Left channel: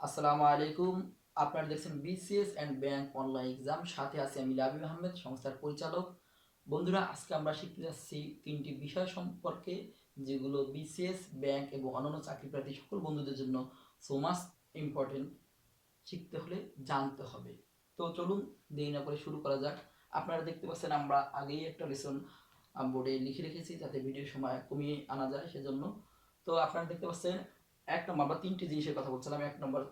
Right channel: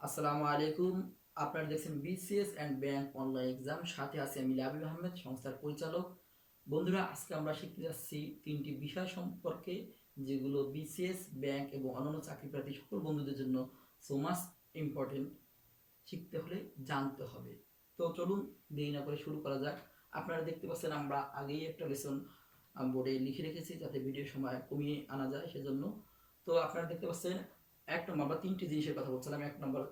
আসসালামু আলাইকুম। আপনারা দেখছেন BCS and bank online exam, সাথে আছি আমি লাবিব আহমেদ, সংস্থার পরিচালক। বন্ধুরা, আজকে আমরা শিখতে যাচ্ছি তিনটি বিষয় সম্পর্কে, যেগুলো বিসিএস, ব্যাংক এবং অন্যান্য চাকরিপ্রার্থী সকল বন্ধুদের জন্য সো মাচ ইম্পর্টেন্ট। শিখতে হলে জানতে হবে। তো চলুন দেরি না করে শুরু করা যাক। আপনারা দেখতে পাচ্ছেন আমরা আগেই একটা লেসন বোর্ডে লিখে রেখেছি, যাতে ভিডিওর সময় কমিয়ে আনা যায় সেজন্য। তো আপনারা দেখতে পাচ্ছেন 1 নম্বর, আমরা তিনটি জিনিসের কথা বলছিলাম। 1 নম্বর,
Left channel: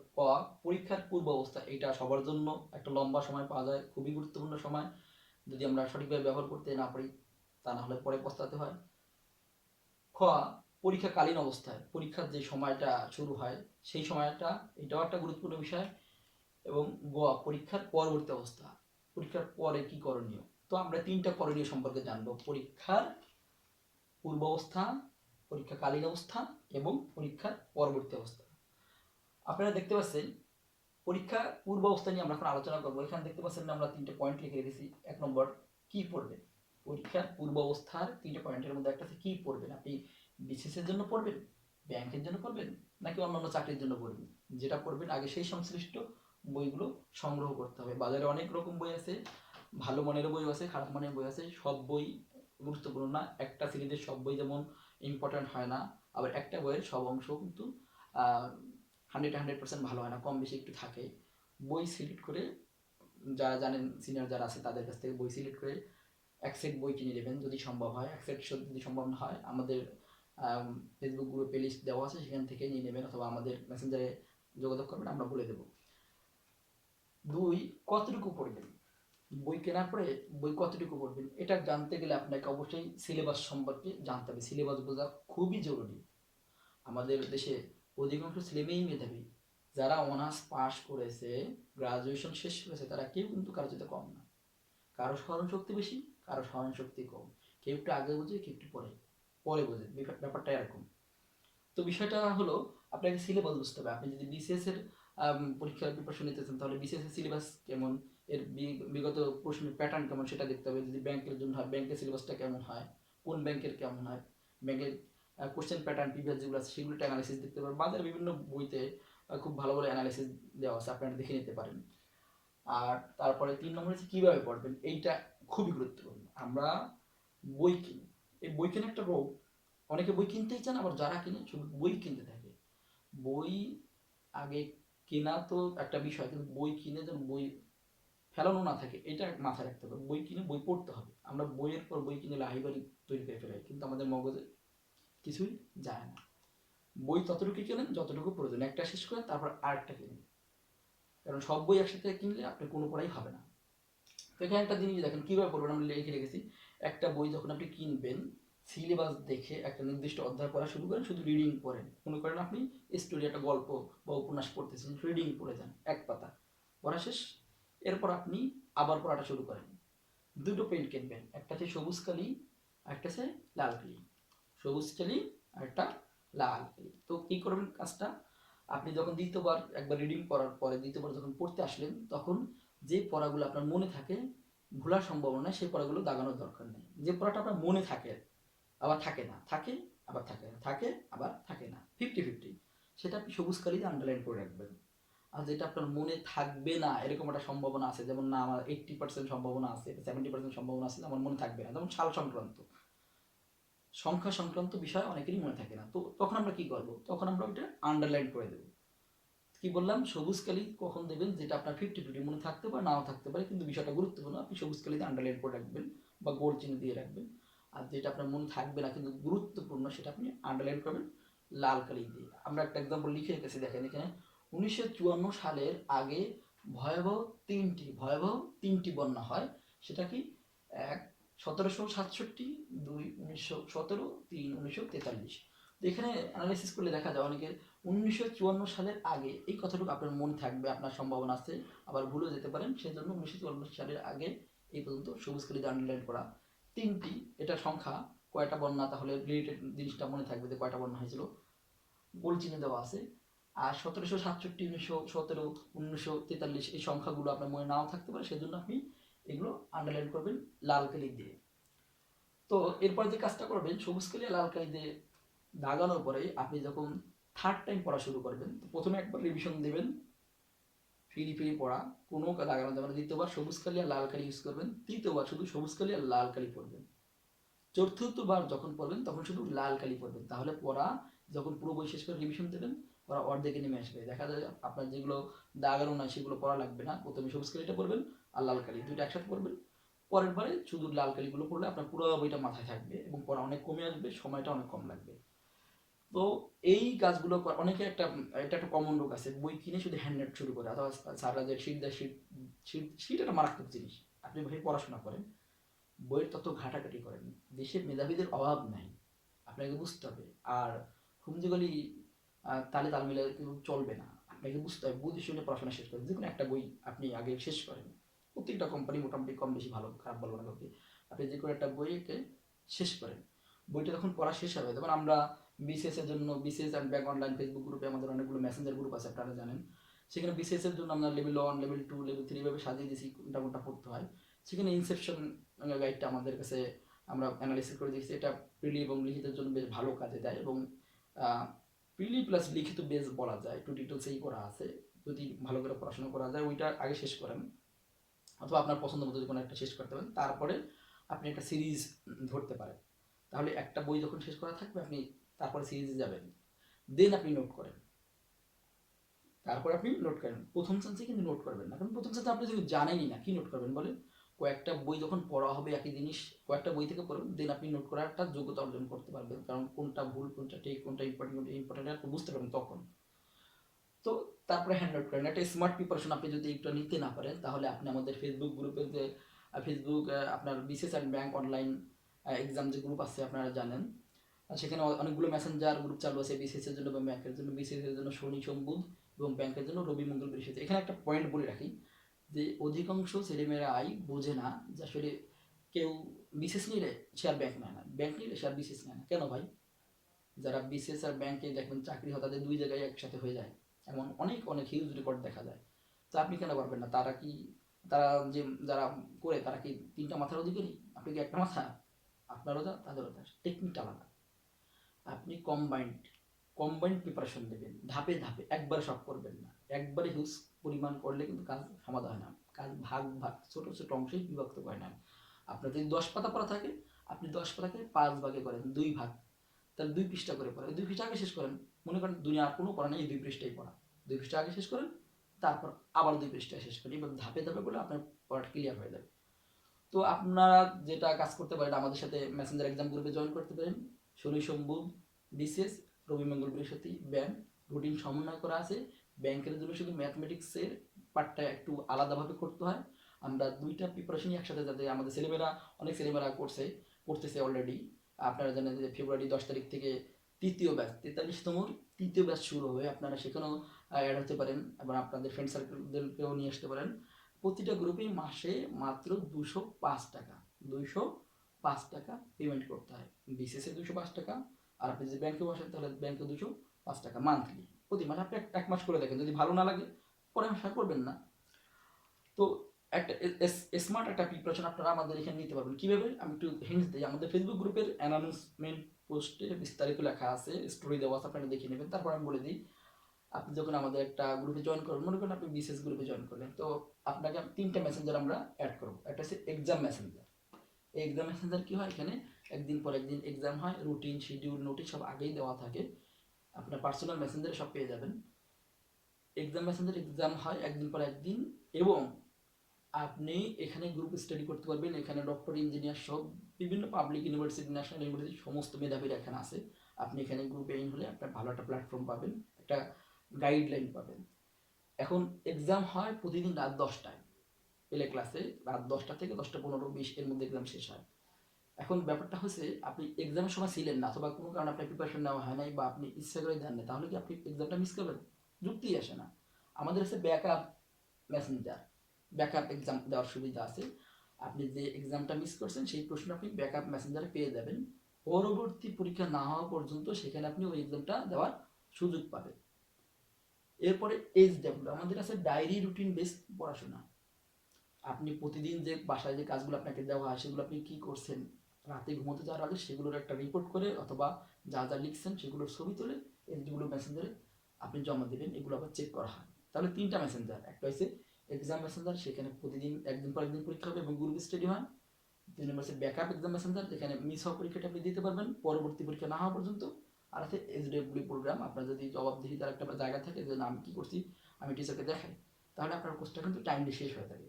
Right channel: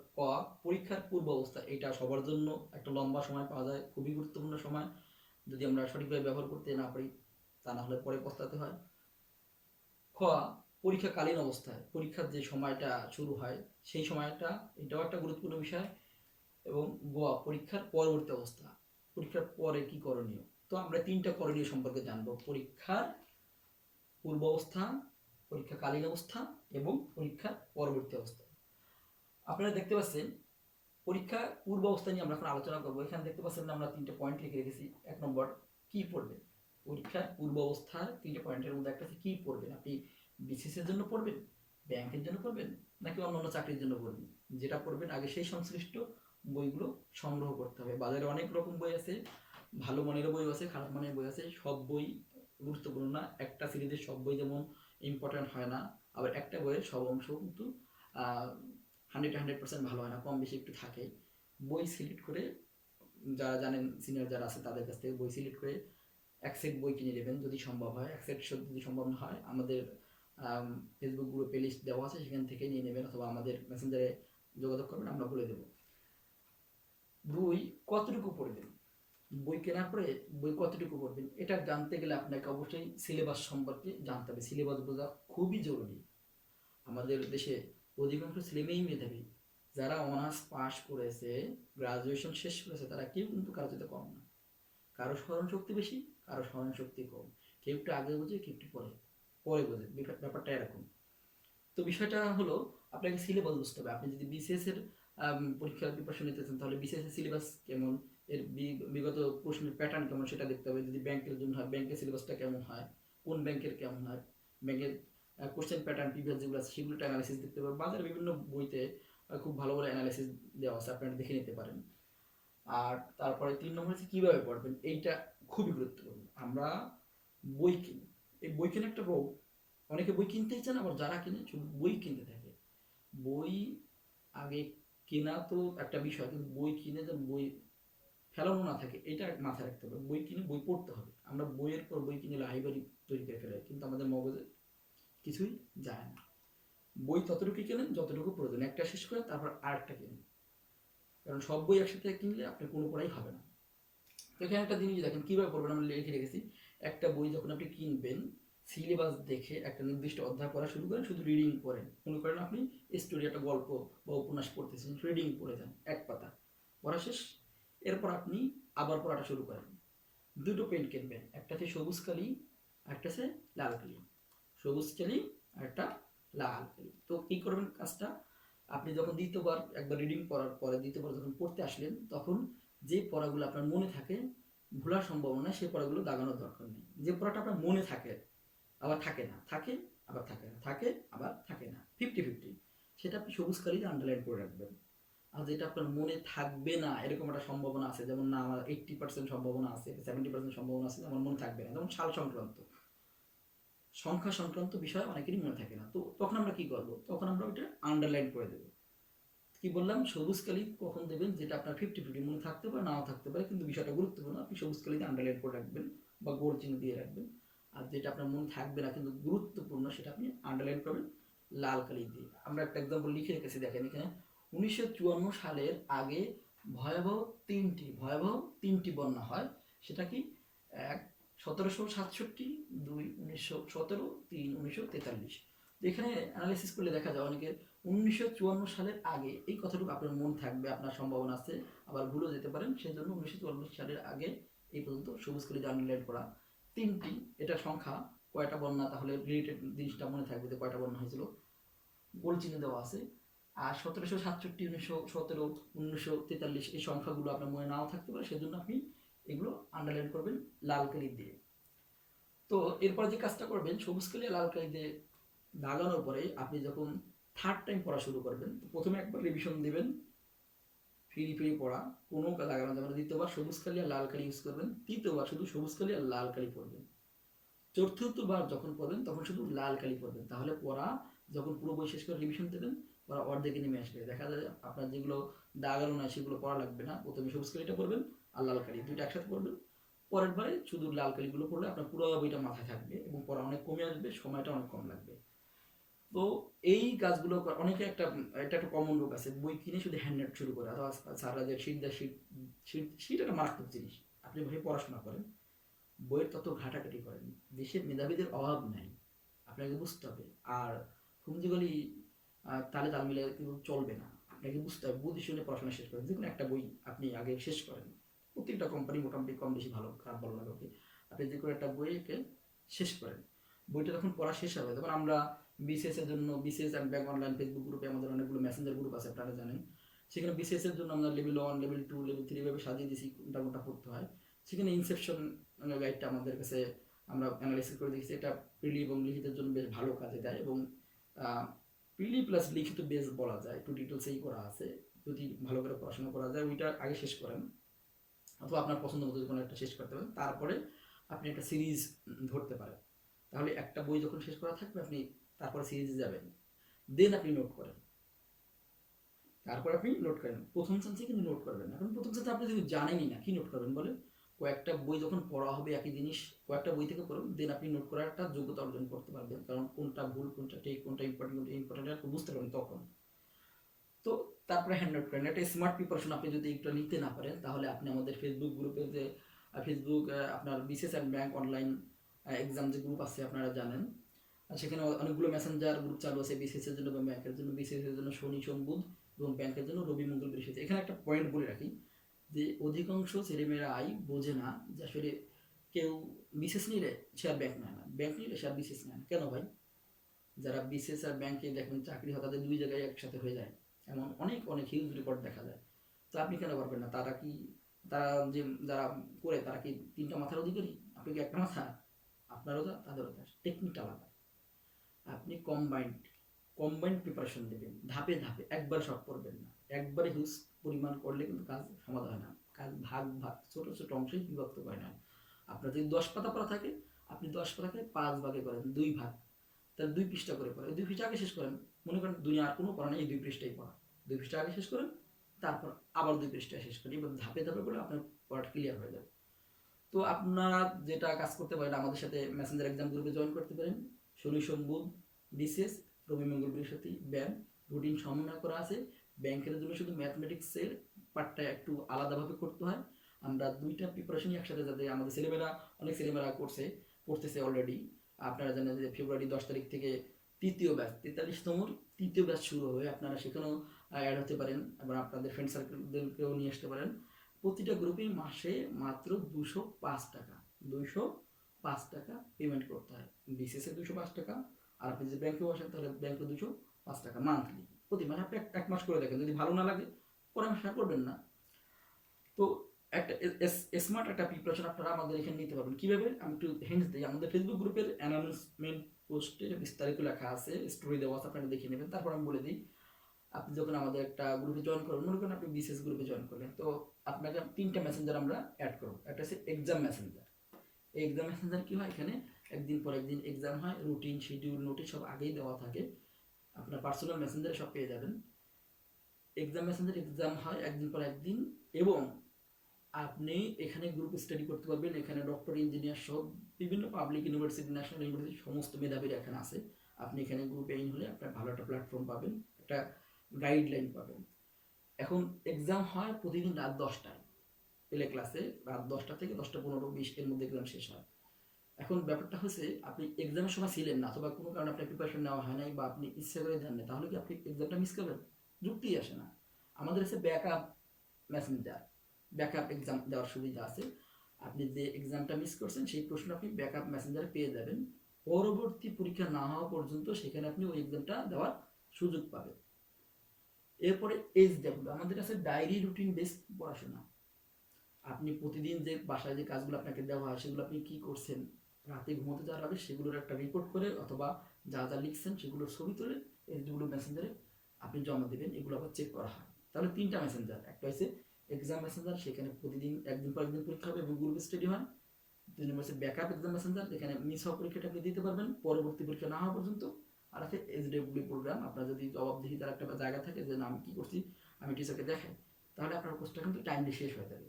পরীক্ষার পূর্ব অবস্থা। এটা সবার জন্য একটা লম্বা সময় পাওয়া যায়, খুবই গুরুত্বপূর্ণ সময়। যদি আমরা সঠিকভাবে ব্যবহার করতে না পারি, তা না হলে পরে পস্তাতে হয়। খ, পরীক্ষাকালীন অবস্থায়, পরীক্ষার যে সময়টা শুরু হয় সেই সময়টা, এটাও একটা গুরুত্বপূর্ণ বিষয়। এবং গ, পরীক্ষার পরবর্তী অবস্থা, পরীক্ষার পরে কি করণীয়। তো আমরা তিনটা করণীয় সম্পর্কে জানবো: পরীক্ষার পূর্ব অবস্থা, পরীক্ষাকালীন অবস্থা এবং পরীক্ষার পরবর্তী অবস্থা। আপনারা দেখতে পাচ্ছেন পরীক্ষা পূর্ব অবস্থা নিয়ে আমরা এখন আলোচনা করবো। এখানে দেখতে পাচ্ছেন আমরা তিনটে পয়েন্ট লিখে রেখেছি। 1 নম্বর, কি পড়বেন। পরীক্ষার পূর্ব অবস্থার তিনটে পয়েন্টের মধ্যে একটা হচ্ছে কি পড়বেন। আপনি বিসিএস এর জন্য পড়বেন, ব্যাংকের জন্য পড়বেন, নাকি অন্যান্য চাকরির জন্য পড়বেন। যেটা পড়বেন আগে সেই সংশ্লিষ্ট বইগুলো সংগ্রহ করতে হবে। বাজারে অনেক রকম বই আছে, ভালো মানের বই আছে, খারাপ মানের বই আছে। সব বই গুরুত্বপূর্ণ না। একটা সিরিজের সব বই যেমন ইম্পর্টেন্ট হয় না, আবার একটা বইয়ের সব অংশ কিন্তু 100% ভালো হয় না, কম বেশি একটু থাকে। বই সিলেক্ট করে, যারা জানেন সিনিয়র যারা আছে তাদের কাছ থেকে বই সিলেক্ট করে এক সেট বই কিনে নেবেন যদি সম্ভব হয়। এক সেট যদি সম্ভব না হয়, আমাদের ফেসবুক গ্রুপে লিস্ট দেওয়া আছে, সেখান থেকে নিয়ে নেবেন, অথবা আমাদের মেসেঞ্জারে যোগাযোগ করবেন, আমরা বলে দেবো। 2, কতটুকু পড়বেন। বই কেনার পরে বই কতটুকু পড়বেন, এটা জানতে গেলে আপনাকে অবশ্যই সিলেবাস সম্পর্কে জানতে হবে। সিলেবাস বোঝা খুবই জরুরি। আমাদের দেশে অধিকাংশ ছেলেমেয়েই মেধাবী। যারা অনার্স পাস করেছে, গ্রাজুয়েশন শেষ করেছে, তারা কেউ কিন্তু কারো চেয়ে কম না। কারো স্মরণ শক্তি বেশি, কারো স্মরণ শক্তি কম। কেউ একটু আগে বোঝে, কেউ একটু পরে পরে বোঝে। ব্যাপারটা এরকম। তো বিষয়টা হলো, আপনাকে সিলেবাস বুঝতে হবে। আপনি যদি বিসিএস এর পরীক্ষার প্রিপারেশন নিতে চান, তাহলে বিসিএস এর সিলেবাস কেমন, এর বিগত প্রশ্নের প্যাটার্ন কেমন সেটা দেখতে হবে। যদি ব্যাংকের জন্য হয়, ব্যাংকের সিলেবাসটা কেমন হয়, কোন ব্যাংকের কেমন হয়, ব্যাংকের কোশ্চেন প্যাটার্ন প্রিভিয়াস যেগুলো আছে সেগুলো অ্যানালিসিস দেখতে পারেন। বাজারে বিভিন্ন বইতে খুব ভালো ভালো অ্যানালিসিস দেওয়া আছে, আপনারা দেখে নিতে পারেন। আর তারপরে 3 নম্বর হচ্ছে কীভাবে পড়বেন। এইটা খুবই গুরুত্বপূর্ণ। আমরা বই কিনি, এই বই কেনার একটা রোগ। অনেকে বই কিনতেই চান, আবার যারা কিনে শুধু বই কিনতে থাকে। বই আগে কেনা তো একটা বিষয়, কিন্তু বই কিনে যেন বই ফেলানো না থাকে, এটা মাথায় রাখতে হবে। বই কিনে বই পড়তে হবে। আমরা বইয়ের পর বই কিনে লাইব্রেরি তৈরি করে ফেলাই, কিন্তু আমাদের মগজে কিছুই যায় না। বই ততটুকু কেনেন যতটুকু প্রয়োজন, একটা শেষ করেন তারপর আরেকটা কিনুন। কারণ সব বই একসাথে কিনলে আপনি কোনো পড়াই হবে না। তো এখানে একটা জিনিস দেখেন কীভাবে পড়বেন, আমরা লিখে রেখেছি। একটা বই যখন আপনি কিনবেন, সিলেবাস দেখে একটা নির্দিষ্ট অধ্যায় পড়া শুরু করেন, শুধু রিডিং পড়েন। মনে করেন আপনি স্টোরি, একটা গল্প বা উপন্যাস পড়তেছেন, রিডিং পড়ে যান, এক পাতা পড়া শেষ। এরপর আপনি আবার পড়াটা শুরু করেন। দুটো পেন কিনবেন, একটা হচ্ছে সবুজ কালি, একটা হচ্ছে লাল কালি। সবুজ কালি আর একটা লাল কালি। তো কী করবেন কাজটা, আপনি যখন দ্বিতীয়বার একবার রিডিং পড়ার পরে দ্বিতীয়বার যখন পড়তে আসলেন, তখন যে পড়াগুলো আপনার মনে থাকে, ভোলার সম্ভাবনা, সেই পড়াগুলো দাগানোর দরকার নেই। যে পড়াটা আপনার মনে থাকে আবার থাকে না, থাকে আবার থাকে না, থাকে আবার থাকে না, 50-50, সেটা আপনি সবুজ কালিতে আন্ডারলাইন করে রাখবেন। আর যেটা আপনার মনে থাকবে না, এরকম একটা সম্ভাবনা আছে, যেমন না আমার 80% সম্ভাবনা আছে, 70% সম্ভাবনা আছে আমার মনে থাকবে না, যেমন সাল সংক্রান্ত, সংখ্যা সংক্রান্ত বিষয় অনেকেরই মনে থাকে না। তো তখন আমরা কি করব, তখন আমরা ওইটা আন্ডারলাইন করে দেবো। কি বললাম, সবুজ কালি কখন দেবেন, যেটা আপনার 50-50 মনে থাকতে পারে, নাও থাকতে পারে, কিন্তু বিষয়টা গুরুত্বপূর্ণ, আপনি সবুজ কালিতে আন্ডারলাইন করে রাখবেন বা গোল চিহ্ন দিয়ে রাখবেন। আর যেটা আপনার মনে থাকবে না কিন্তু গুরুত্বপূর্ণ, সেটা আপনি আন্ডারলাইন করবেন লাল কালি দিয়ে। আমরা একটা এক্সাম্পল লিখে রেখেছি, দেখেন এখানে। 1954 সালের আগে ভয়াবহ তিনটি বন্যা হয়। সেটা কি? 1, 1767, 2, 1917, 3, 1943। তো এখানে অ্যানালাইসিস করলে দেখা যায় অনেকের 1954 সালের আগে, এই কথাটুকু আপনার মনে থাকবে, আপনার সম্ভাবনা আছে, আবার ভুলেও যেতে পারেন। সেই জন্য 1954 সালের আগে এই পর্যন্ত সবুজ কালিতে আন্ডারলাইন করা। 3টি, এটা সংখ্যা, কয়টা বন্যা, তাহলে রিলেটেড জিনিসটা মনে থাকবে যে কয়টা বন্যা হয়েছিল, গোল চিহ্ন দেওয়া আছে। আর 1767, 1917, 1943, এই সংখ্যাগুলো আপনার মনে নাও থাকতে পারে, সেই জন্য আপনি এগুলো আন্ডারলাইন করবেন লাল কালি দিয়ে। তো এরপরে যে কাজটা করবেন, সবুজ কালি লাল কালি দিয়ে দাগানোর পরে আপনি যখন থার্ড টাইম পড়া শুরু করবেন, তো প্রথমে একবার রিভিশন দেবেন, ফ্রি পড়া, কোনো লাগানো যাবে না। দ্বিতীয়বার সবুজ কালি আর লাল কালি ইউজ করবেন, তৃতীয়বার শুধু সবুজ কালি আর লাল কালি পড়বেন, চতুর্থবার যখন পড়বেন তখন শুধু লাল কালি পড়বেন। তাহলে পড়া যখন পুরো বই শেষ করে রিভিশন দেবেন, পড়া অর্ধেকে নেমে আসবে। দেখা যায় আপনার যেগুলো দাগানো নয় সেগুলো পড়া লাগবে না, প্রথমে সবুজ কালিটা পড়বেন আর লাল কালি দুইটা একসাথে পড়বেন। পরের বারে শুধু লাল কালিগুলো পড়লে আপনার পুরো বইটা মাথায় থাকবে এবং পড়া অনেক কমে আসবে, সময়টা অনেক কম লাগবে। তো এই কাজগুলো অনেকে এটা একটা কমন রোগ আছে, বই কিনে শুধু হ্যান্ড নোট শুরু করে, অথবা স্যাররা যে শীট দেয় শীট একটা মারাত্মক জিনিস। আপনি ভাই পড়াশোনা করেন, বইয়ের তত ঘাটাঘাটি করেন, দেশের মেধাবীদের অভাব নাই, আপনাকে বুঝতে হবে। আর হুমজিগলি তালে তাল মিলে কিন্তু চলবে না, আপনাকে বুঝতে হবে, বুঝে শুনে পড়াশোনা শেষ করেন। যে কোনো একটা বই আপনি আগে শেষ করেন, প্রত্যেকটা কোম্পানি মোটামুটি কম বেশি ভালো খারাপ বলবো না কাউকে, আপনি যে কোনো একটা বইকে শেষ করেন, বইটা যখন পড়া শেষ হবে তখন আমরা বিসিএস এর জন্য, BCS and back online Facebook গ্রুপে আমাদের অনেকগুলো মেসেঞ্জার গ্রুপ আছে, আপনারা জানেন। সেখানে বিসিএস এর জন্য আমরা লেভেল 1, লেভেল 2, লেভেল 3 ভাবে সাজিয়ে দিয়েছি কোনটা কোনটা পড়তে হয়। সেখানে ইনসেপশন গাইডটা আমাদের কাছে আমরা অ্যানালাইসিস করে দেখছি, এটা প্রিলি এবং লিখিতের জন্য বেশ ভালো কাজে দেয়। এবং প্রিলি প্লাস লিখিত বেস বলা যায়, একটু ডিটেলসেই করা আছে। যদি ভালো করে পড়াশোনা করা যায়, ওইটা আগে শেষ করেন, অথবা আপনার পছন্দ মতো কোনো একটা শেষ করতে পারেন, তারপরে আপনি একটা সিরিজ ধরতে পারেন। তাহলে একটা বই যখন শেষ করা থাকবে, আপনি তারপরে সিরিজে যাবেন, দেন আপনি নোট করেন, তারপর আপনি নোট করেন। প্রথম চান্সে কিন্তু নোট করবেন না, কারণ প্রথম চান্সে আপনি যদি জানেনই না কি নোট করবেন বলে। কয়েকটা বই যখন পড়া হবে একই জিনিস, কয়েকটা বই থেকে পড়বেন, দেন আপনি নোট করার একটা যোগ্যতা অর্জন করতে পারবেন, কারণ কোনটা ভুল কোনটা ঠিক, কোনটা ইম্পর্টেন্ট আপনি বুঝতে পারবেন তখন। তো তারপরে হ্যান্ড নোট করেন। একটা স্মার্ট প্রিপারেশন আপনি যদি এটা নিতে না পারেন, তাহলে আপনি আমাদের ফেসবুক গ্রুপে যে ফেসবুক আপনার BCS and bank online exam যে গ্রুপ আছে আপনারা জানেন, সেখানে অনেকগুলো মেসেঞ্জার গ্রুপ চালু আছে বিসিএস এর জন্য এবং ব্যাংকের জন্য। বিসিএস এর জন্য শনি সোম বুধ এবং ব্যাংকের জন্য রবি মঙ্গল বৃহস্পতি। এখানে একটা পয়েন্ট বলে রাখি যে অধিকাংশ ছেলেমেয়েরাই বোঝে না যে আসলে কেউ বিসিএস নিলে সে আর ব্যাংক নেয় না, ব্যাংক নিলে সে আর বিসিএস নেয় না। কেন ভাই? যারা বিসিএস আর ব্যাংকে দেখবেন চাকরি হয়, তাদের দুই জায়গায় একসাথে হয়ে যায়, এমন অনেক অনেক হিউজ রেকর্ড দেখা যায়। তো আপনি কেন পারবেন না? তারা যে যারা করে তারা কি তিনটা মাথার অধিকারী? আপনি কি একটা মাথা? আপনারও যা তাদেরও তা, টেকনিকটা আলাদা। আপনি কম্বাইন্ড প্রিপারেশন দেবেন, ধাপে ধাপে, একবার সব করবেন না। একবারে হিউজ পরিমাণ করলে কিন্তু কাজ সমাধান হয় না, কাজ ভাগ ভাগ ছোট ছোট অংশে বিভক্ত করে নেন। আপনার যদি 10 পাতা পড়া থাকে, আপনি 10 পাতাকে 5 ভাগে করেন, 2 ভাগ, তাহলে 2 পৃষ্ঠা করে পড়া, 2 পৃষ্ঠা আগে শেষ করেন। মনে করেন দুনিয়ার কোনো পড়া নেই, এই 2 পৃষ্ঠাই পড়া, 2 পৃষ্ঠা আগে শেষ করেন, তারপর আবার 2 পৃষ্ঠা শেষ করেন। এবার ধাপে ধাপে করলে আপনার পড়াটা ক্লিয়ার হয়ে যাবে। তো আপনারা যেটা কাজ করতে পারেন, আমাদের সাথে মেসেঞ্জার এক্সাম গ্রুপে জয়েন করতে পারেন। শনি সোম বুধ বিসিএস, রবি মঙ্গল বৃহস্পতি ব্যাংক, রুটিন সমন্বয় করা আছে। ব্যাংকের জন্য শুধু ম্যাথমেটিক্সের পার্টটা একটু আলাদাভাবে করতে হয়। আমরা দুইটা প্রিপারেশনই একসাথে, যাতে আমাদের অনেক ছেলেমেয়েরা পড়তেছে অলরেডি। আপনারা জানেন যে ফেব্রুয়ারি 10 তারিখ থেকে তৃতীয় ব্যাচ, 43তম তৃতীয় ব্যাচ শুরু হবে। আপনারা সেখানেও অ্যাড হতে পারেন এবং আপনাদের ফ্রেন্ড সার্কেলদেরকেও নিয়ে আসতে পারেন। প্রতিটা গ্রুপে মাসে মাত্র 205 টাকা, 205 টাকা পেমেন্ট করতে হয়। বিসিএসে 205 টাকা, আর আপনি যদি ব্যাংকে বসেন তাহলে ব্যাংকে 205 টাকা মান্থলি, প্রতি মাসে। আপনি এক মাস করে দেখেন, যদি ভালো না লাগে পরের মাসে আর করবেন না। তো একটা স্মার্ট একটা প্রিপারেশন আপনারা আমাদের এখানে নিতে পারবেন। কীভাবে? আমি একটু হিন্টস দিই। আমাদের ফেসবুক গ্রুপের অ্যানাউন্সমেন্ট পোস্টে বিস্তারিত লেখা আছে, স্টোরি দেওয়া আছে, আপনারা দেখে নেবেন। তারপর আমি বলে দিই, আপনি যখন আমাদের একটা গ্রুপে জয়েন করবেন, মনে করেন আপনি বিসিএস গ্রুপে জয়েন করলেন, তো আপনাকে 3টা মেসেঞ্জার আমরা অ্যাড করবো। একটা হচ্ছে এক্সাম মেসেঞ্জার। এই এক্সাম মেসেঞ্জার কি হয়, এখানে একদিন পর একদিন এক্সাম হয়, রুটিন শিডিউল নোটিশ সব আগেই দেওয়া থাকে। আপনার পার্সোনাল মেসেঞ্জারে সব পেয়ে যাবেন। এক্সাম মেসেঞ্জার এক্সাম হয় একদিন পর একদিন, এবং আপনি এখানে গ্রুপ স্টাডি করতে পারবেন। এখানে ডক্টর, ইঞ্জিনিয়ার সব বিভিন্ন পাবলিক ইউনিভার্সিটি, ন্যাশনাল ইউনিভার্সিটি সমস্ত মেধাবীরা এখানে আছে। আপনি এখানে গ্রুপে ইন হলে আপনার ভালো একটা প্ল্যাটফর্ম পাবেন, একটা গাইডলাইন পাবেন। এখন এক্সাম হয় প্রতিদিন রাত 10টায়, এলে ক্লাসে রাত 10টা থেকে 10টা 15-20 এর মধ্যে এক্সাম শেষ হয়। এখন ব্যাপারটা হচ্ছে, আপনি এক্সামের সময় ছিলেন না, অথবা কোনো কারণে আপনার প্রিপারেশন নেওয়া হয় নাই, বা আপনি ইচ্ছা করে দেন না, তাহলে কি আপনি এক্সামটা মিস করবেন? যুক্তিই আসে না। আমাদের হচ্ছে ব্যাকআপ মেসেঞ্জার, ব্যাকআপ এক্সাম দেওয়ার সুবিধা আছে। আপনি যে এক্সামটা মিস করছেন সেই প্রশ্ন আপনি ব্যাকআপ মেসেঞ্জারে পেয়ে যাবেন। পরবর্তী পরীক্ষা না হওয়া পর্যন্ত সেখানে আপনি ওই এক্সামটা দেওয়ার সুযোগ পাবেন। এরপরে এইচডব্লিউ, আমাদের আছে ডায়েরি রুটিন বেস পড়াশোনা। আপনি প্রতিদিন যে বাসায় যে কাজগুলো আপনাকে দেওয়া হয়, সেগুলো আপনি কি করছেন, রাতে ঘুমোতে যাওয়ার আগে সেগুলোর একটা রিপোর্ট করে, অথবা যা যা লিখছেন সেগুলোর ছবি তুলে এইগুলো মেসেঞ্জারে আপনি জমা দেবেন, এগুলো আবার চেক করা হয়। তাহলে 3টা মেসেঞ্জার, একটা হচ্ছে এক্সাম মেসেঞ্জার, সেখানে প্রতিদিন একদিন পর একদিন পরীক্ষা হবে এবং গ্রুপ স্টাডি হয়। 3 নম্বর হচ্ছে ব্যাকআপ এক্সাম মেসেঞ্জার, যেখানে মিস হওয়া পরীক্ষাটা আপনি দিতে পারবেন পরবর্তী পরীক্ষা না হওয়া পর্যন্ত। আর আছে এইচডব্লিউ প্রোগ্রাম, আপনার যদি জবাবদিহিতার একটা জায়গা থাকে যে না আমি কী করছি আমি টিচারকে দেখাই, তাহলে আপনার কোর্সটা কিন্তু টাইমলি শেষ হয়ে যাবে।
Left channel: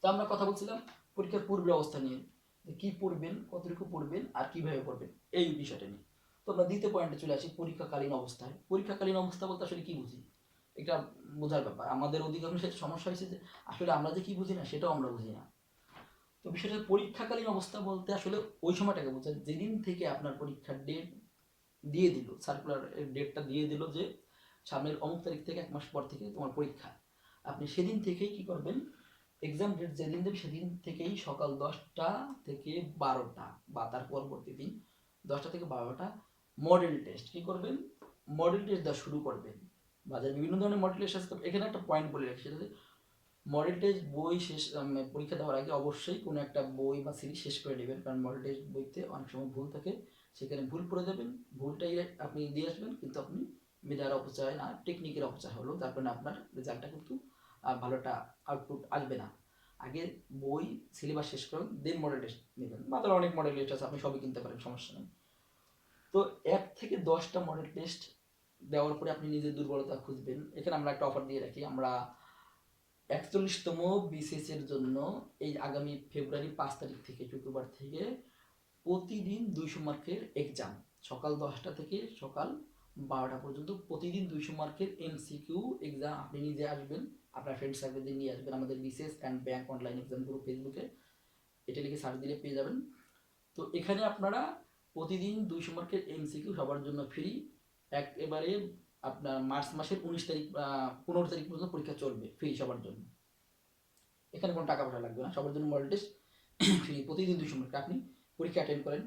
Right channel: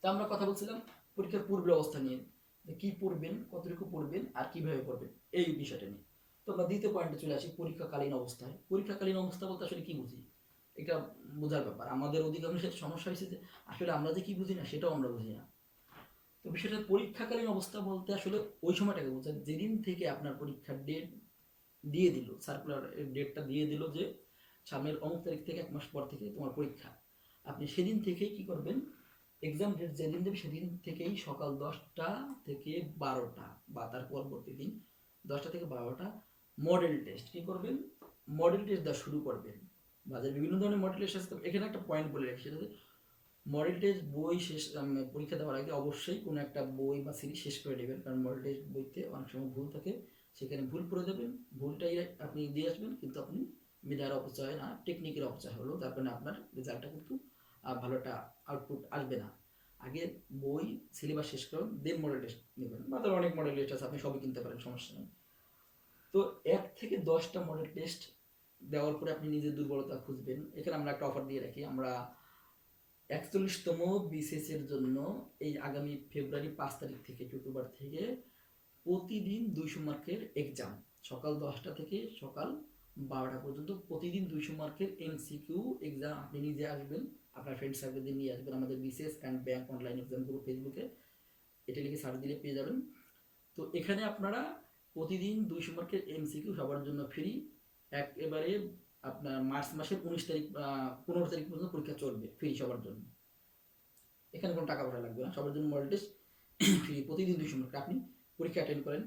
তো আমরা কথা বলছিলাম পরীক্ষার পূর্বের অবস্থা নিয়ে, যে কী পড়বেন, কতটুকু পড়বেন আর কীভাবে পড়বেন এই বিষয়টা নিয়ে। তো আমরা দ্বিতীয় পয়েন্টে চলে আসি, পরীক্ষাকালীন অবস্থায়। পরীক্ষাকালীন অবস্থা বলতে আসলে কী বুঝি, এটা বোঝার ব্যাপার। আমাদের অধিকাংশের সমস্যা হয়েছে যে আসলে আমরা যে কী বুঝি না সেটাও আমরা বুঝি না। তো বিষয়টা পরীক্ষাকালীন অবস্থা বলতে আসলে ওই সময়টাকে বোঝায় যেদিন থেকে আপনার পরীক্ষার ডেট দিয়ে দিল, সার্কুলার ডেটটা দিয়ে দিল যে সামনের অমুক তারিখ থেকে 1 মাস পর থেকে তোমার পরীক্ষা, আপনি সেদিন থেকেই কী করবেন, এক্সাম ডেট যেদিন দেবে সেদিন থেকেই সকাল 10টা থেকে 12টা বা তার পরবর্তী দিন 10টা থেকে 12টা মডেল টেস্ট কী করবেন, মডেল টেস্ট দেওয়া শুরু করবেন। বাজারে বিভিন্ন ধরনের মডেল টেস্ট আছে। এখানে একটা পয়েন্ট বলে রাখি, সেটা মডেল টেস্ট বই শেষ পরীক্ষা দেওয়ার আগে অবশ্যই কোনো একটা বই বা সিরিজ শেষ করে নেবেন, কারণ মডেল টেস্ট বইতে অনেক সময় ভুল থাকে, সেখানে ভুল করে দেবেন, ভুলটাই আপনি দিয়ে আসবেন, কিন্তু আপনি মেধার অপচয় না, টেকনিকের অপচয় হলো, তার কারণে আপনার রেজাল্টটা কিন্তু ভালো একটা আউটপুট আসবে না। আগে বই সিলেবাস শেষ করুন, দেন মডেল টেস্ট নেবেন। বাজারে অনেক মডেল টেস্ট আছে, আপনি সবই কিনতে পারেন, সমস্যা নেই। তো 1 থেকে 10টা মডেল টেস্ট দেওয়ার পরে আপনি নিজের দুর্বলতা খুঁজবেন। এখানে আমরা একটা অফার দিয়ে রাখি, আমরা 41তম বিসিএস এর জন্য এই আগামী ফেব্রুয়ারি 5 তারিখ থেকে শুক্রবার থেকে প্রতিদিন 200 মার্কের এক্সাম, সকাল 10টা থেকে সকাল 12টা পর্যন্ত প্রতিদিন 200 মার্কের এমসিকিউ এক্সাম আপনি নিজে আসবেন, আপনার ফ্রেন্ড সার্কেলদের নিয়ে আসবেন। আমাদের BCS and bank online exam group ফেসবুকে, এটা লিখে সার্চ দিলে পেয়ে যাবেন। তো এখানে আপনারা প্রতিদিন 200 মার্কের এমসিকিউ সবার জন্য ফ্রি, একেবারে আপনার মার্চ মাসের 19 তারিখ 15 তারিখ পর্যন্ত পরীক্ষা চলবে, ফ্রি সবার জন্য। এখানে কোনো টাকা পয়সা লাগবে না, সবার জন্য মডেল টেস্ট ফ্রি, প্রতিদিন 200 মার্ক। আপনি পরীক্ষা অ্যাটেন্ড করেন,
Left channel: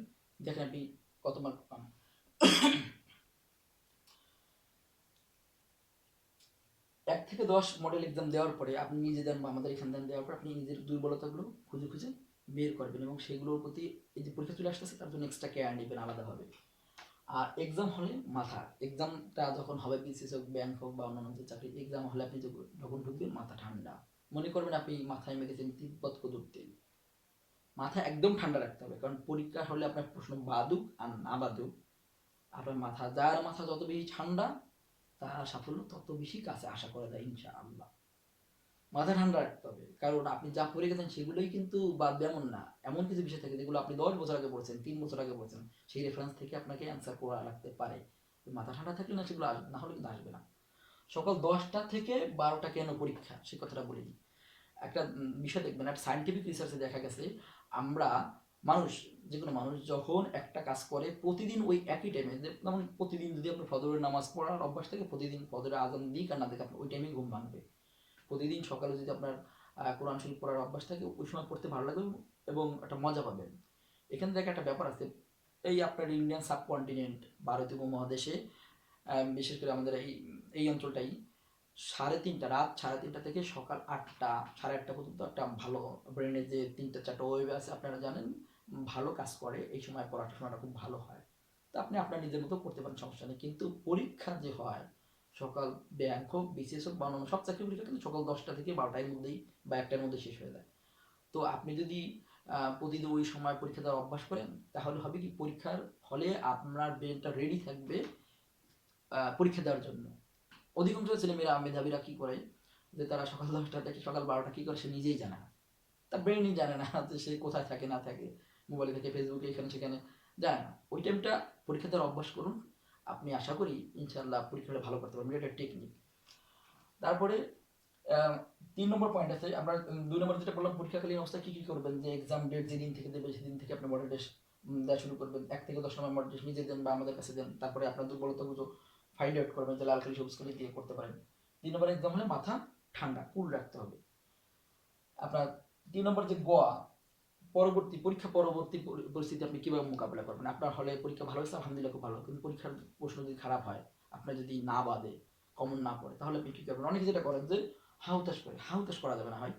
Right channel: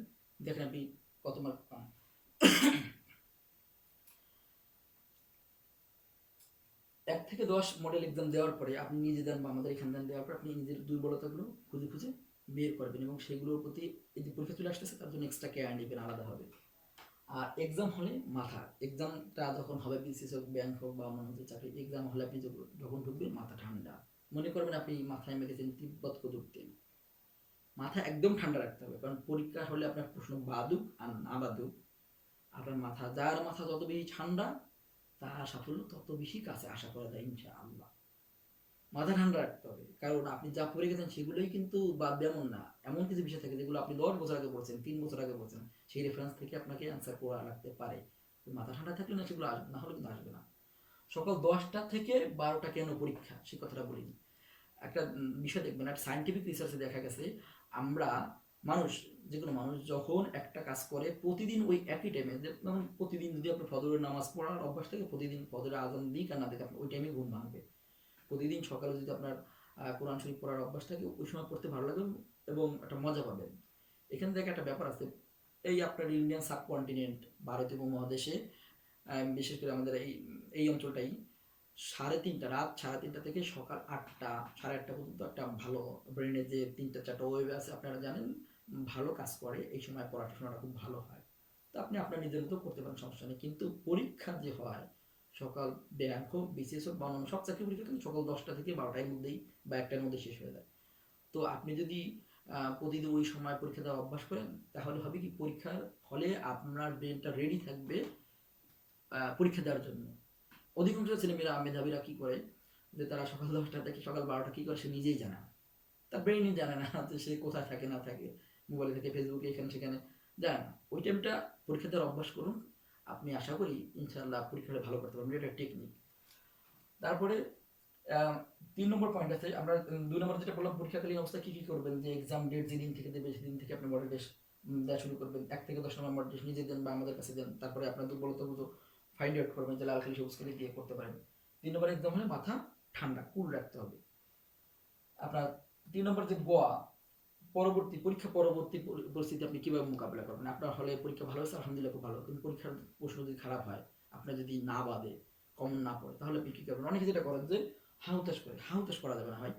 দেখেন আপনি কত মার্ক পান। 1 থেকে 10 মডেল এক্সাম দেওয়ার পরে আপনি নিজে দেন বা আমাদের এখান দেন, দেওয়ার পর আপনি নিজের দুর্বলতাগুলো খুঁজে খুঁজে বের করবেন এবং সেগুলোর প্রতি এই যে পরীক্ষা চলে আসতেছে তার জন্য এক্সট্রা কেয়ার নেবেন আলাদাভাবে। আর এক্সাম হলে মাথা, এক্সামটা যখন হবে বিসিএস হোক, ব্যাংক হোক বা অন্যান্য যে চাকরি, এক্সাম হলে আপনি যখন ঢুকবেন মাথা ঠান্ডা, মনে করবেন আপনি মাথায় মেখেছেন তিব্বত কুতুব তেল। মাথা একদম ঠান্ডা রাখতে হবে, কারণ পরীক্ষা হলে আপনার প্রশ্ন বাদুক আর না বাদুক, আপনার মাথা, যার মাথা যত বেশি ঠান্ডা তার সাফল্য তত বেশি কাছে আশা করা যায় ইনশাআল্লাহ। মাথা ঠান্ডা রাখতে হবে, কারণ আপনি যা পড়ে গেছেন সেগুলোই কিন্তু বাদ এমন না, এমন কিছু বিষয় থাকে যেগুলো আপনি 10 বছর আগে পড়ছেন, 3 বছর আগে পড়ছেন, সেই রেফারেন্স থেকে আপনাকে অ্যান্সার করা লাগতে পারে। মাথা ঠান্ডা থাকলে না সেগুলো আসবে, না হলে কিন্তু আসবে না। সকাল 10টা থেকে 12টা কেন পরীক্ষা সে কথাটা বলিনি। একটা বিষয় দেখবেন, একটা সায়েন্টিফিক রিসার্চে দেখা গেছে আমরা মানুষ, যে কোনো মানুষ যখন একটা কাজ করে প্রতিদিন ওই একই টাইমে, যেমন প্রতিদিন যদি আপনার ফজরের নামাজ পড়ার অভ্যাস থেকে, প্রতিদিন ফজরের আজান দিক আর না দিক আপনার ওই টাইমে ঘুম ভাঙবে। প্রতিদিন সকালে যদি আপনার কোরআন শরীফ পড়ার অভ্যাস থাকে, ওই সময় পড়তে ভালো লাগবে এবং একটা মজা পাবেন। এখান থেকে একটা ব্যাপার আছে, এই আপনার ইন্ডিয়ান সাবকন্টিনেন্ট, ভারতীয় উপমহাদেশে বিশেষ করে আমাদের এই অঞ্চলটাই রাত 3:30 থেকে সকাল 8টা 8:30 পর্যন্ত একটা ভালো ব্রেনের যে 3-4টা ওয়েভ আছে আপনারা জানেন, ভালো কাজ করে, এই সময় পড়াশোনাটা খুব ভালো হয়। তো আপনি আপনার নিজের মতো করতে পারেন, সমস্যা নেই। কিন্তু পরীক্ষা যে হয় সকাল, ব্যাংক হোক, বিসিএস হোক বা অন্যান্য সব চাকরি পরীক্ষা কিন্তু সকাল 10টা থেকে 12টার মধ্যেই বা 1টার মধ্যে শেষ হয়ে যায়। তো আপনি যদি প্রতিদিন ওই সময় পরীক্ষা দেওয়ার অভ্যাস করেন, তাহলে হবে কি পরীক্ষার ফলে আপনার ব্রেনটা রেডি থাকবে পরীক্ষা দেওয়ার জন্য। অধিকাংশ ছেলেমেয়েরা মেধাবীরা কী করে, যে তারা সকাল 10টা থেকে সকাল 12টা কী করে সে নিজেই জানে না, তার ব্রেনই জানে না যে সে কোথায় থাকে না থাকে, মোবাইলে থেকে, ফেসবুকে, এখানে সেখানে জানে না। ওই টাইমটা পরীক্ষা দেওয়ার অভ্যাস করুন, আপনি আশা করি ইনশাআল্লাহ পরীক্ষাটা ভালো করতে পারবেন, এটা টেকনিক। তারপরে 3 নম্বর পয়েন্ট আছে, আমরা 2 নম্বর যেটা বললাম পরীক্ষাকালীন অবস্থায় কী কী করবেন, যে এক্সাম ডেট যেদিন থেকে দেবে সেদিন থেকে আপনি মডেল টেস্ট দেওয়া শুরু করবেন। 1 থেকে 10 নম্বর মডেল টেস্ট নিজে দেন বা আমাদের কাছে দেন। তারপরে আপনার দুর্বলতাগুলো ফাইন্ড আউট করবেন, যে লাল কালি সবুজ কালি দিয়ে করতে পারেন। 3 নম্বর এক্সাম হলে মাথা ঠান্ডা কুল রাখতে হবে। আপনার 3 নম্বর যে পরীক্ষা পরবর্তী পরিস্থিতি আপনি কীভাবে মোকাবিলা করবেন। আপনার হলে পরীক্ষা ভালো হয়েছে, আলহামদুলিল্লাহ খুব ভালো, কিন্তু পরীক্ষার প্রশ্ন যদি খারাপ হয়, আপনার যদি না বাদে, কমন না পড়ে, তাহলে আপনি কী করবেন। অনেকে যেটা করেন যে হাউতাশ করে, হাউতাশ করা যাবে না ভাই,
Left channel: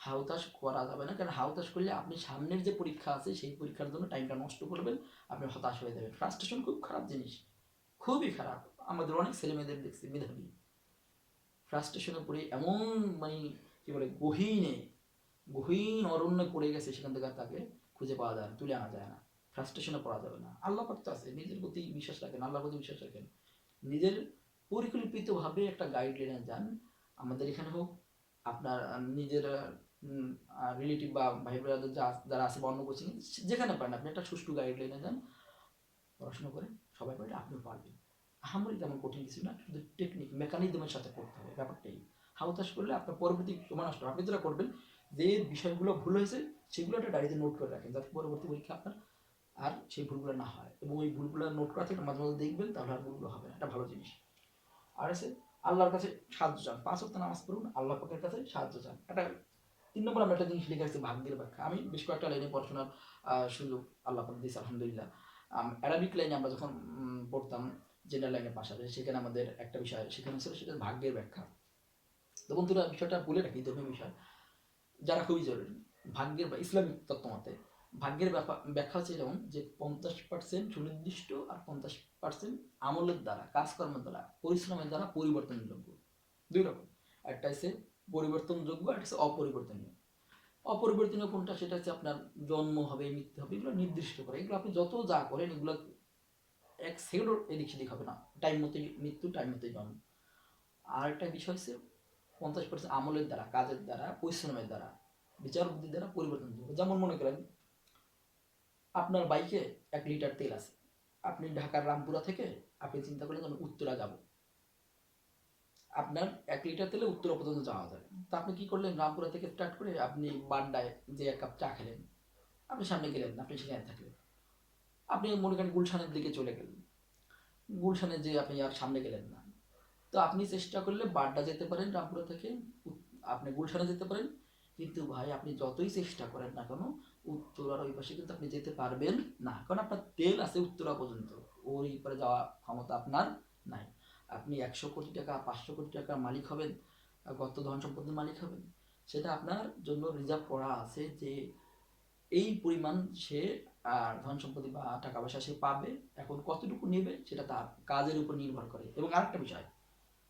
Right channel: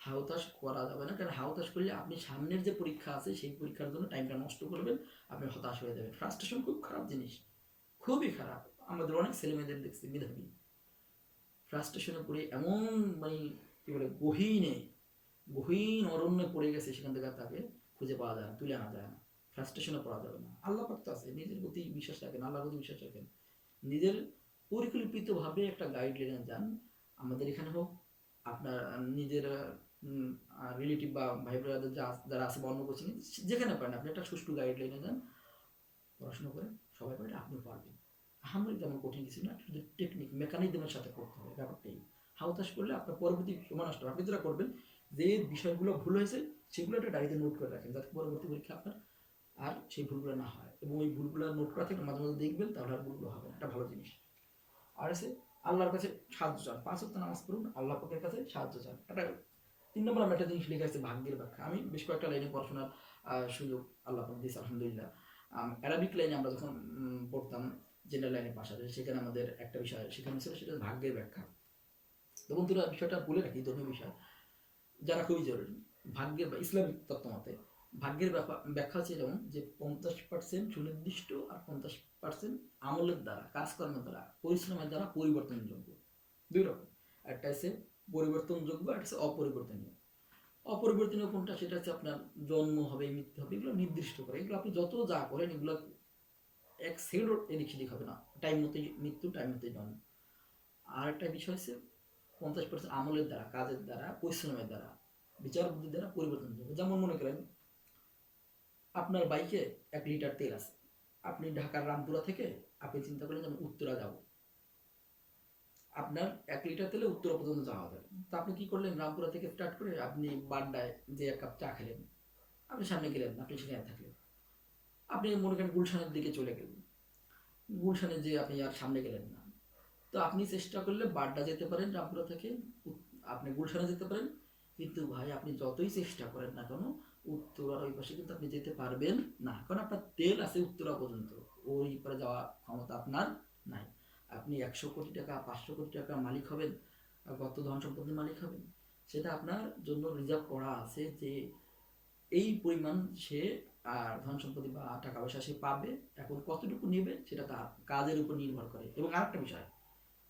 হাউতাশ করা যাবে না, কারণ হাউতাশ করলে আপনি সামনের যে পরীক্ষা আছে সেই পরীক্ষার জন্য টাইমটা নষ্ট করবেন, আপনি হতাশ হয়ে যাবেন। ফ্রাস্ট্রেশন খুব খারাপ জিনিস, খুবই খারাপ। আমাদের অনেক ছেলেমেয়েদের দেখছি মেধাবী ফ্রাস্ট্রেশনে পড়ে এমন মানে কি বলে গহীন অরণ্যে পড়ে গেছে, সেখান থেকে তাকে খুঁজে পাওয়া যায় না, তুলে আনা যায় না। ফ্রাস্ট্রেশনে পড়া যাবে না। আল্লাহ পাক তো আছে, নিজের প্রতি বিশ্বাস রাখেন, আল্লাহর প্রতি বিশ্বাস রাখেন, নিজের পরিকল্পিতভাবে একটা গাইডলাইনে যান। আমাদের এখানে হোক, আপনার নিজের রিলেটিভ বা ভাই ব্রাদার যারা আছে বা অন্য কোচিং, যেখানে পারেন আপনি একটা সুষ্ঠু গাইডলাইনে যান, পড়াশোনা করেন, সবাই পারে, আপনিও পারবেন। আহামরি তেমন কঠিন কিছু না, শুধু টেকনিক মেকানিজমের সাথে করতে হবে ব্যাপারটাই। হাউতাস করলে আপনার পরবর্তী সময় নষ্ট। আপনি যেটা করবেন, যে বিষয়গুলো ভুল হয়েছে সেগুলো একটা ডায়েরিতে নোট করে রাখেন, যাতে পরবর্তী পরীক্ষা আপনার আর সেই ভুলগুলো না হয়। এবং ওই ভুলগুলো নোট করা থেকে মাঝে মাঝে দেখবেন, তাহলে আর ভুলগুলো হবে না। এটা ভালো জিনিস। আর আছে আল্লাহর কাছে সাহায্য চান, 5 ওয়াক্ত নামাজ পড়ুন, আল্লাহ পাকের কাছে সাহায্য চান। এটা 3 নম্বর আমি একটা জিনিস লিখে আসছি, ভাগ্যের ব্যাখ্যা। আমি বেশ কয়েকটা লাইনে পড়াশোনার সুযোগ আল্লাহ পাক দিয়েছে, আলহামদুলিল্লাহ। অ্যারাবিক লাইনে আমরা যখন পড়তাম, জেনারেল লাইনের পাশাপাশি, সেখানে আমাদের একটা বিষয় সেখানে ছিল, সেটা ভাগ্যের ব্যাখ্যা। তো বন্ধুরা, বিষয়টা বলে রাখি, ধর্মীয় বিষয় জানা খুবই জরুরি। ভাগ্যের বা ইসলামিক তত্ত্বমতে ভাগ্যের ব্যাখ্যা হচ্ছে এরকম যে 50% সুনির্দিষ্ট আর 50% আমলের দ্বারা, কাজকর্মের দ্বারা, পরিশ্রমের দ্বারা পরিবর্তনযোগ্য। দুই রকম, একটা হচ্ছে পরিবর্তনযোগ্য, একটা হচ্ছে অপরিবর্তনীয়। অপরিবর্তনীয় কোনটা, সেটা হচ্ছে আপনার জন্ম হবে, মৃত্যু হবে, এগুলো নির্দিষ্ট করে। এগুলো আপনি যত যা করেন, এগুলো এক সেকেন্ডও এদিক সেদিক হবে না, টাইম মতোই মৃত্যু, টাইম মতোই জন্ম। আর একটা বিষয় হচ্ছে 50% আমলের দ্বারা, কাজের দ্বারা, পরিশ্রমের দ্বারা, বিচার বুদ্ধির দ্বারা পরিবর্তন হবে। যেমন মনে করেন, আপনার বাইকে 1 লিটার তেল আছে, আপনি ঢাকার রামপুরা থেকে আপনি চিন্তা করেন যে আমি উত্তরা যাব, আপনার 1 লিটার তেলে উত্তরা পর্যন্ত যাওয়া যাবে। তা আপনি কি করলেন, রামপুরা থেকে স্টার্ট করে আপনি বাড্ডায় যে 1 কাপ চা খেলেন, আপনি সামনে গেলেন, আপনি সেখানে থাকলেন, আপনি মনে করেন গুলশানের দিকে চলে গেলেন, গুলশানে যে আপনি আর সামনে গেলেন না। তো আপনি চেষ্টা করলে বাড্ডা যেতে পারেন, রামপুরা থেকে আপনি গুলশানে যেতে পারেন, কিন্তু ভাই আপনি যতই চেষ্টা করেন না কেন, উত্তরার ওই পাশে কিন্তু আপনি যেতে পারবেন না, কারণ আপনার তেল আছে উত্তরা পর্যন্ত, ওই পারে যাওয়ার ক্ষমতা আপনার নাই। আপনি 100 কোটি টাকা, 500 কোটি টাকার মালিক হবেন, কত ধন সম্পত্তির মালিক হবেন, সেটা আপনার জন্য রিজার্ভ করা আছে, যে এই পরিমাণ সে আর ধন সম্পত্তি বা টাকা পয়সা সে পাবে। এখন কতটুকু নেবে সেটা তার কাজের উপর নির্ভর করে। এবং আরেকটা বিষয়,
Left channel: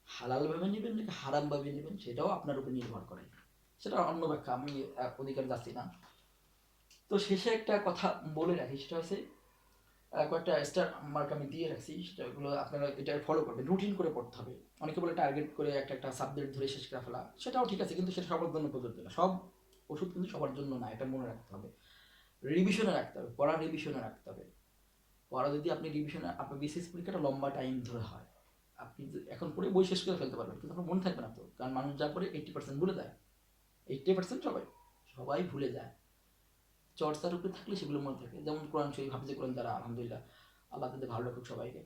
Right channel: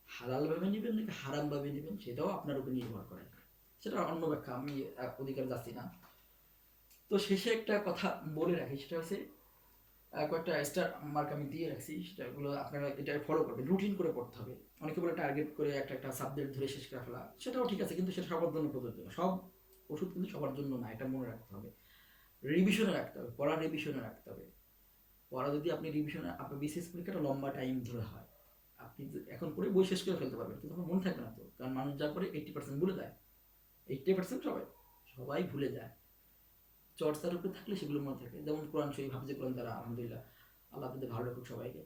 হালালভাবে নেবেন নাকি হারামভাবে নেবেন, সেটাও আপনার উপর নির্ভর করে। সেটা অন্য ব্যাখ্যা, আমি অধিকার যাচ্ছি না। তো শেষে একটা কথা বলে রাখি, সেটা হচ্ছে কয়েকটা স্টার মার্ক আমি দিয়ে রাখছি, সেটাগুলো আপনারা এটা ফলো করবেন, রুটিন করে পড়তে হবে। অনেকে বলে টার্গেট করে একটা একটা সাবজেক্ট ধরে শেষ করে ফেলা, সেটাও ঠিক আছে, কিন্তু সেটা সবার জন্য প্রযোজ্য না। সব ওষুধ কিন্তু সবার জন্য না, এটা মনে রাখতে হবে। রিভিশনে রাখতে হবে, পড়া রিভিশনে রাখতে হবে। পড়া যদি আপনি রিভিশনে, আপনার বিসিএস পরীক্ষাটা লম্বা টাইম ধরে হয়, আপনি এখন পড়ে বই শেষ করে ফেলতে পারবেন, কিন্তু আপনার মনে থাকবে না তো, কারণ মানুষ যা করে 80% ভুলে যায়। 80% সবাই ভুলে যায়। চর্চার উপরে থাকলে সেগুলো মনে থাকে। যেমন কোরআন শরীফ, হাফিজে কোরআন যারা, আলহামদুলিল্লাহ, আল্লাহ তাদের ভালো রাখুক সবাইকে।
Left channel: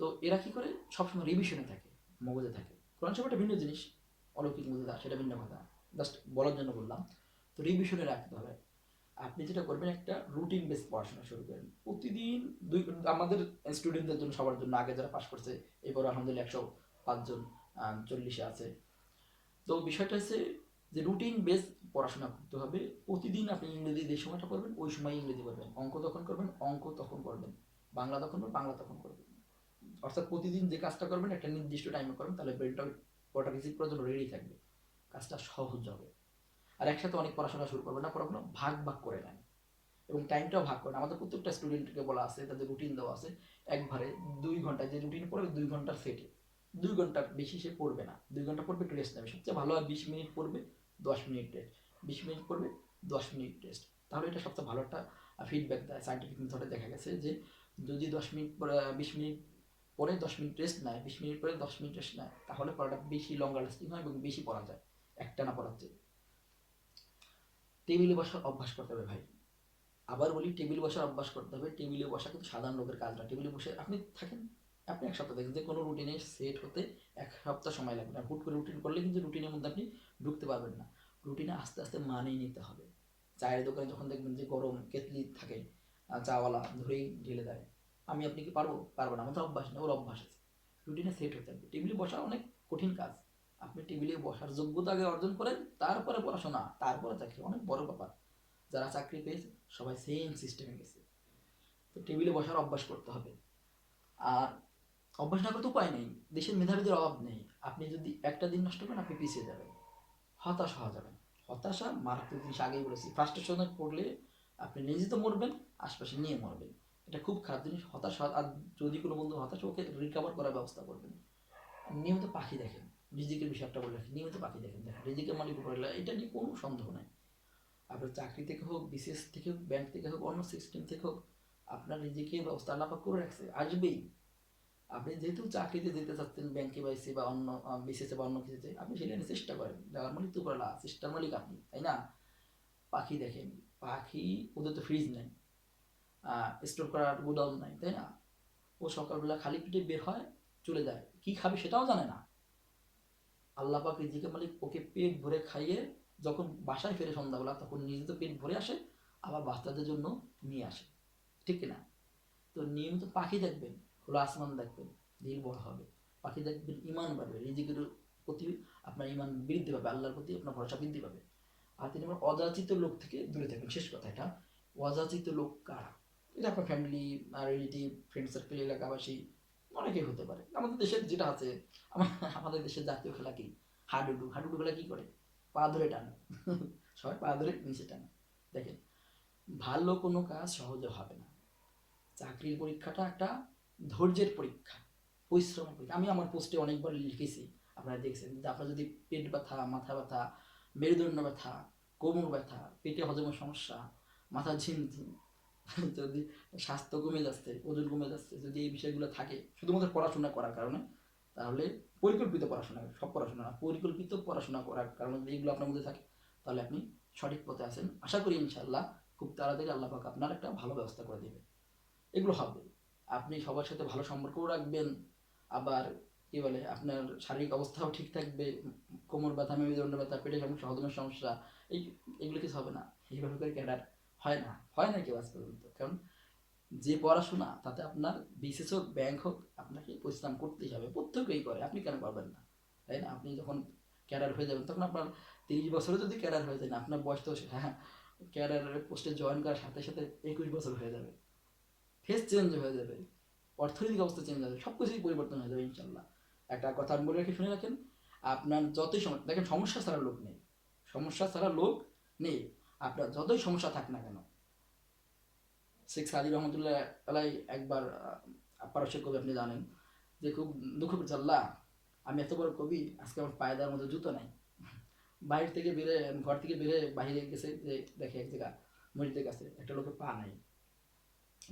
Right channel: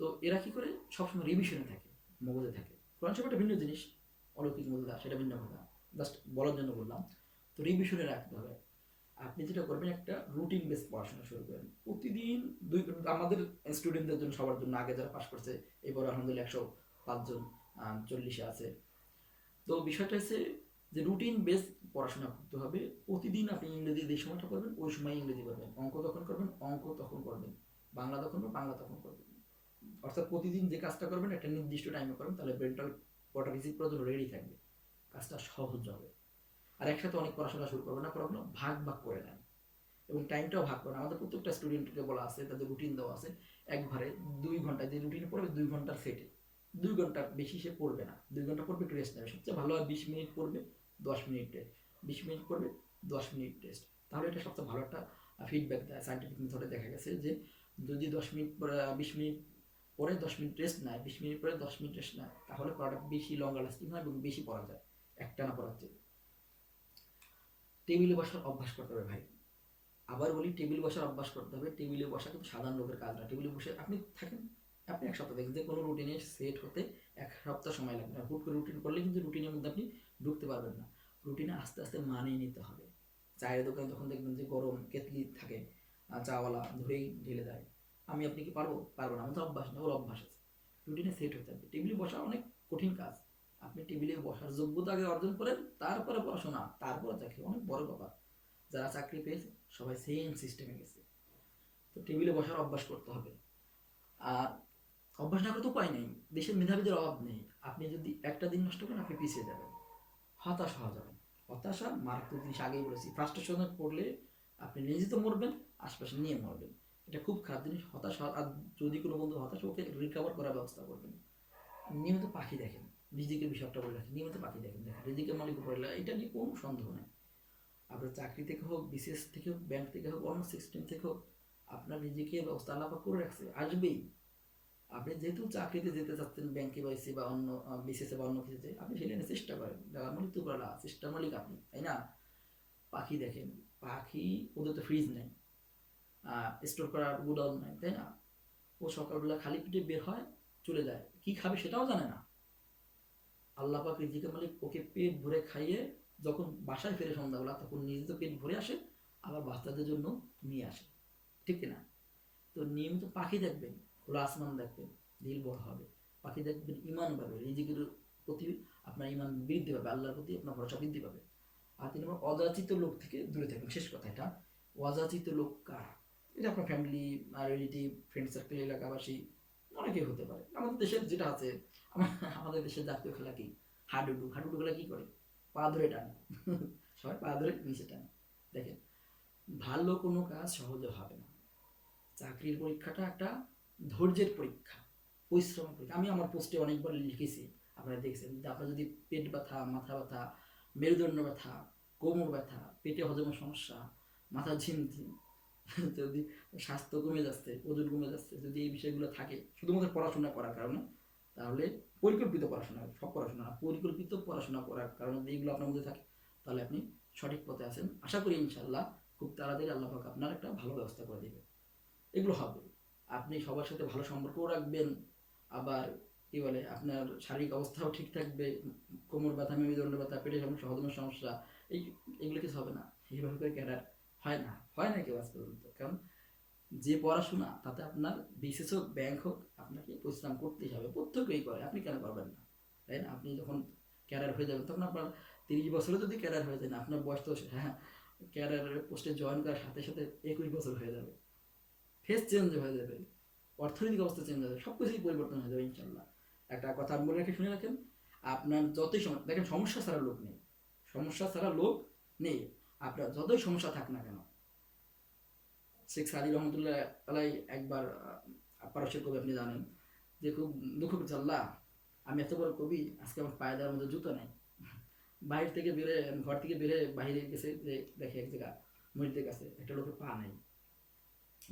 তো এরা কি করে, সবসময় রিভিশনে থাকে, মগজে থাকে। কোরআন শরীফ একটা ভিন্ন জিনিস, অলৌকিক মজুদা, সেটা ভিন্ন কথা, জাস্ট বলার জন্য বললাম। তো রিভিশনে রাখতে হবে। আপনি যেটা করবেন, একটা রুটিন বেস পড়াশোনা শুরু করেন প্রতিদিন। আমাদের স্টুডেন্টদের জন্য, সবার জন্য, আগে যারা পাশ করছে, এবার আলহামদুলিল্লাহ 105 জন 40-এ আছে। তো বিষয়টা হচ্ছে যে রুটিন বেস পড়াশোনা করতে হবে। প্রতিদিন আপনি ইংরেজি যে সময়টা করবেন, ওই সময় ইংরেজি করবেন, অঙ্ক তখন করবেন, অঙ্ক তখন করবেন, বাংলা তখন করবেন, বাংলা তখন করবেন। অর্থাৎ প্রতিদিন যে কাজটা করবেন একটা নির্দিষ্ট টাইমে করবেন, তাহলে ব্রেনটা ওটা রিসিভ করার জন্য রেডি থাকবে, কাজটা সহজ হবে। আর একসাথে অনেক পড়াশোনা শুরু করবেন না, পড়াশোনা ভাগ ভাগ করে নেন, এবং টাইমটাও ভাগ করেন। আমাদের প্রত্যেকটা স্টুডেন্টকে বলা আছে, তাদের রুটিন দেওয়া আছে, একবারে 2 ঘন্টা যে রুটিন পড়বে, 2 ঘন্টার সেটে 2 ঘন্টা বেশি সে পড়বে না, 2 ঘন্টা পড়বে, একটু রেস্ট নেবে। সবচেয়ে ভালো হয় 20 মিনিট পড়বে, 10 মিনিট টেস্ট, 20 মিনিট পড়বে, 10 মিনিট টেস্ট। তাহলে এটা সবচেয়ে ভালো একটা ফিডব্যাক দেয়। সাইন্টিফিক মেথডে দেখা গেছে যে যদি 10 মিনিট পরে 20 মিনিট পরে 10 মিনিট রেস্ট নেয়, 20 মিনিট পরে 10 মিনিট রেস্ট নেয়, তাহলে পড়াটা বেশি লঙ্গার লাস্টিং হয় এবং বেশি পড়া যায় একটানা পড়ার চেয়ে। টেবিলে বসার অভ্যাস করতে হবে ভাই। আবার বলি, টেবিল বসার অভ্যাস করতে হবে। টেবিলে বসা কিন্তু সাধারণ লোকের কাজ না। টেবিলে বসে আপনি থাকেন, আপনি 1 সপ্তাহ দেখেন যে কোনো রুটিনে সেট হতে 1 সপ্তাহ সময় লাগবে। আর হুট করে রুটিন করলে কিন্তু রুটিনের মধ্যে আপনি ঢুকতে পারবেন না। রুটিনে আস্তে আস্তে মানিয়ে নিতে হবে। চায়ের দোকানে যখন দেখবেন যে গরম কেতলি থাকে, চাওয়ালা ধরেই ঢেলে দেয়, আপনি কি পারবো? পারবো না, আমার তো অভ্যাস নেই, ওর অভ্যাস আছে। রুটিনে সেট হতে হবে। টেবিলে বসা অনেক কঠিন কাজ। আপনি টেবিলে বসার যোগ্যতা আগে অর্জন করেন, তারপরে পড়াশোনা, তারপরে চাকরি, অনেক বড় ব্যাপার। যারা চাকরি পেয়েছে সবাই সেম সিস্টেমে গেছে। তো টেবিলে বসার অভ্যাস করতে হবে। আর অভ্যাস না করতে উপায় নেই, দেশের মেধাবীদের অভাব নেই। আপনি যদি একটা দিন নষ্ট করেন আপনি পিছিয়ে যাবেন, হতাশ হওয়া যাবে। হতাশা মারাত্মক জিনিস, আগেই বলেছি। ফ্রাস্ট্রেশনে পড়লে আপনি নিজে তো মরবেন, আশপাশে নিয়ে মরবেন। এটা খুব খারাপ জিনিস হতাশ। আর যদি কোনো বন্ধু হতাশ, ওকে রিকভার করার ব্যবস্থা করবেন। নিয়মিত পাখি দেখেন, রিজিকের বিষয়টা বলে রাখি, নিয়মিত পাখি দেখেন, দেখেন রিজিকের মালিক উপরে, এটা নিয়ে কোনো সন্দেহ নাই। আপনার চাকরি থেকে হোক, বিসিএস থেকে হোক, ব্যাংক থেকে হোক, অন্য সিস্টেম থেকে হোক, আপনার রিজিকের ব্যবস্থা আল্লাহ পাক করে রাখছে, আসবেই। আপনি যেহেতু চাকরিতে যেতে চাচ্ছেন, ব্যাংকে পাইছি বা অন্য বিসিএসে বা অন্য কিছুতে, আপনি সেটা নিয়ে চেষ্টা করেন, যাওয়ার মালিক তো উপরে, চেষ্টার মালিক আপনি, তাই না? পাখি দেখেন, পাখি, ওদের তো ফ্রিজ নেই, স্টোর করার গোডাউন নাই, তাই না? ও সকালবেলা খালি পেটে বের হয়, চলে যায়, কি খাবে সেটাও জানে না। আল্লাহ পাক রিজিকের মালিক, ওকে পেট ভরে খাইয়ে যখন বাসায় ফেরে সন্ধ্যাবেলা, তখন নিজে তো পেট ভরে আসে, আবার বাচ্চাদের জন্য নিয়ে আসে, ঠিক না? তো নিয়মিত পাখি দেখবেন, খোলা আসমান দেখবেন, দিল বড় হবে। পাখি দেখবেন, ইমান বাড়বে, রিজিকের প্রতি আপনার ইমান বৃদ্ধি পাবে, আল্লাহর প্রতি আপনার ভরসা বৃদ্ধি পাবে। আর 3 নম্বর, অযাচিত লোক থেকে দূরে থাকবেন। শেষ কথা এটা, অযাচিত লোক কারা? এটা আপনার ফ্যামিলি আর রিলেটিভ, ফ্রেন্ড সার্কেল, এলাকাবাসী, অনেকেই হতে পারে। আমাদের দেশের যেটা আছে, আমাদের দেশের জাতীয় খেলা কি? হাডুডু। হাডুডু খেলা কি করে? পা ধরে টানে। সবাই পা ধরে নিচে টানে। দেখেন, ভালো কোনো কাজ সহজে হবে না। চাকরির পরীক্ষাটা একটা ধৈর্যের পরীক্ষা, পরিশ্রমের পরীক্ষা। আমি আমার পোস্টে অনেকবার লিখেছি, আপনারা দেখছেন। আপনার যদি পেট ব্যথা, মাথা ব্যথা, মেরুদণ্ড ব্যথা, কোমর ব্যথা, পেটে হজমের সমস্যা, মাথা ঝিমঝিম, যদি স্বাস্থ্য কমে যাচ্ছে, ওজন কমে যাচ্ছে, যদি এই বিষয়গুলো থাকে শুধুমাত্র পড়াশোনা করার কারণে, তাহলে পরিকল্পিত পড়াশোনা, সব পড়াশোনা না, পরিকল্পিত পড়াশোনা করার কারণে যদি এইগুলো আপনার মধ্যে থাকে, তাহলে আপনি সঠিক পথে আছেন। আশা করি ইনশাল্লাহ খুব তাড়াতাড়ি আল্লাহ পাক আপনার একটা ভালো ব্যবস্থা করে দেবে। এগুলো হবে। আপনি সবার সাথে ভালো সম্পর্কও রাখবেন, আবার কি বলে, আপনার শারীরিক অবস্থাও ঠিক থাকবে। কোমর ব্যথা, মেরুদণ্ড ব্যথা, পেটের সমস্যা, হজমের সমস্যা, এই এগুলো কিছু হবে না। এইভাবে করে ক্যাডার হয় না, হয় না কেউ আজ পর্যন্ত। কারণ যে পড়াশোনা, তাতে আপনার বিসিএস হোক, ব্যাংক হোক, আপনাকে পরিশ্রম করতেই হবে, প্রত্যেকেই করে, আপনি কেন পারবেন না? তাই না? আপনি যখন ক্যাডার হয়ে যাবেন, তখন আপনার 30 বছরে যদি ক্যাডার হয়ে যায় না, আপনার বয়স তো, হ্যাঁ, ক্যাডারের পোস্টে জয়েন করার সাথে সাথে 21 বছর হয়ে যাবে, ফেস চেঞ্জ হয়ে যাবে, অর্থনৈতিক অবস্থা চেঞ্জ হয়ে যাবে, সব কিছুই পরিবর্তন হয়ে যাবে ইনশাল্লাহ। একটা কথা আমি বলে রেখে শুনে রাখেন, আপনার যতই সমস্যা, দেখেন সমস্যা ছাড়া লোক নেই, সমস্যা ছাড়া লোক নেই। আপনার যতই সমস্যা থাক না কেন, শেখ সাদি রহমতুল্লাহ আলাই একবার পারস্যের কবি, আপনি জানেন, যে খুব দুঃখ করছে, আল্লাহ আমি এত বড় কবি, আজকে আমার পায়ে দেওয়ার মতো জুতো নাই। বাইরে থেকে বেরে, ঘর থেকে বেরে বাইরে গেছে, যে দেখে এক জায়গা মসজিদের কাছে একটা লোকের পা নাই,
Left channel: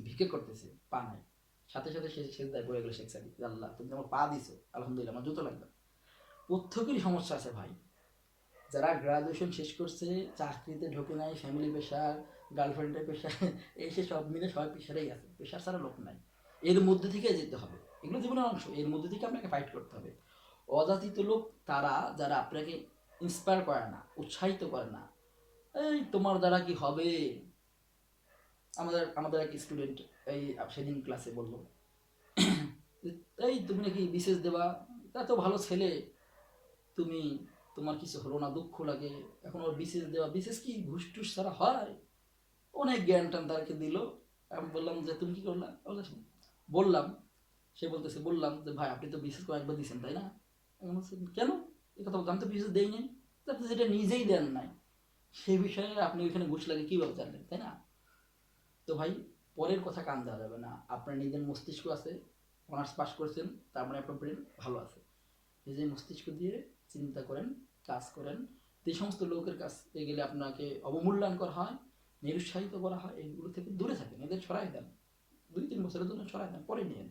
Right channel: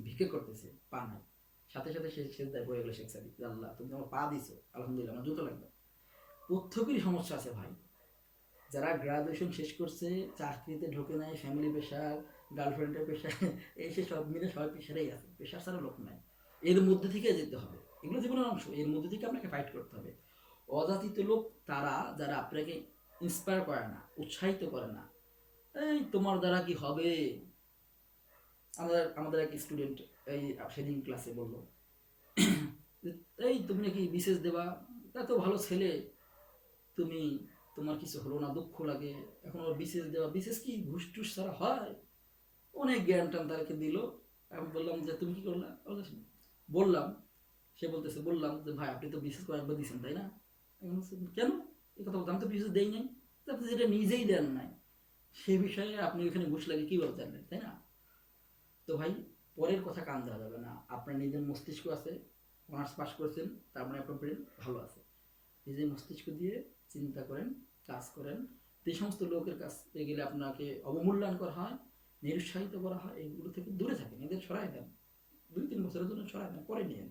ভিক্ষে করতেছে, পা নাই। সাথে সাথে সে সেজদায় পড়ে গেল শেখ সাদি, আল্লাহ তুমি আমার পা দিছো, আলহামদুলিল্লাহ, আমার জুতো লাগবে। প্রত্যেকেরই সমস্যা আছে ভাই। যারা গ্রাজুয়েশন শেষ করছে, চাকরিতে ঢোকে নাই, ফ্যামিলি প্রেশার, গার্লফ্রেন্ডের প্রেশার, এই সে সব মিলে সবাই প্রেশারেই আছে, প্রেশার ছাড়া লোক নাই। এর মধ্যে থেকে যেতে হবে, এগুলো জীবনের অংশ, এর মধ্যে থেকে আপনাকে ফাইট করতে হবে। অযাচিত লোক তারা, যারা আপনাকে ইন্সপায়ার করে না, উৎসাহিত করে না, এই তোমার দ্বারা কি হবে। আমাদের আমাদের এক স্টুডেন্ট এই সেদিন ক্লাসে বললো, এই তুমি নাকি বিশেষ দেবা, এত ভালো ছেলে তুমি, তোমার কিছু হলো না, দুঃখ লাগে, এখন ওর বিশেষ দেওয়া, বিশেষ কি ঘুষ টুস ছাড়া হয়? অনেক জ্ঞান টান তাকে দিল। আমি বললাম যে তুমি কি করলা? বললাম, সে বলতেছে, বললাম যে ভাই আপনি তো বিশেষ কয়েকবার দিয়েছেন তাই না? আমি বলছি কেন এই কথা বলতে, আমি তো বিশেষ দেই নাই। আপনি যেটা নিজেই দেন নাই, সেই বিষয়ে আপনি ওইখানে ঘুষ লাগে কীভাবে জানলেন, তাই না? তো ভাই, পরের কথা কান দেওয়া যাবে না। আপনার নিজের মস্তিষ্ক আছে, অনার্স পাস করেছেন, তার মানে আপনার ব্রেন ভালো আছে। নিজের মস্তিষ্ক দিয়ে চিন্তা করেন, কাজ করেন। যে সমস্ত লোকের কাছে গেলে আপনাকে অবমূল্যায়ন করা হয়, নিরুৎসাহিত করা হয়, এইগুলো থেকে দূরে থাকেন, এদের সরাই দেন। 2-3 বছরের জন্য সরাই দেন, পরে নিয়েন।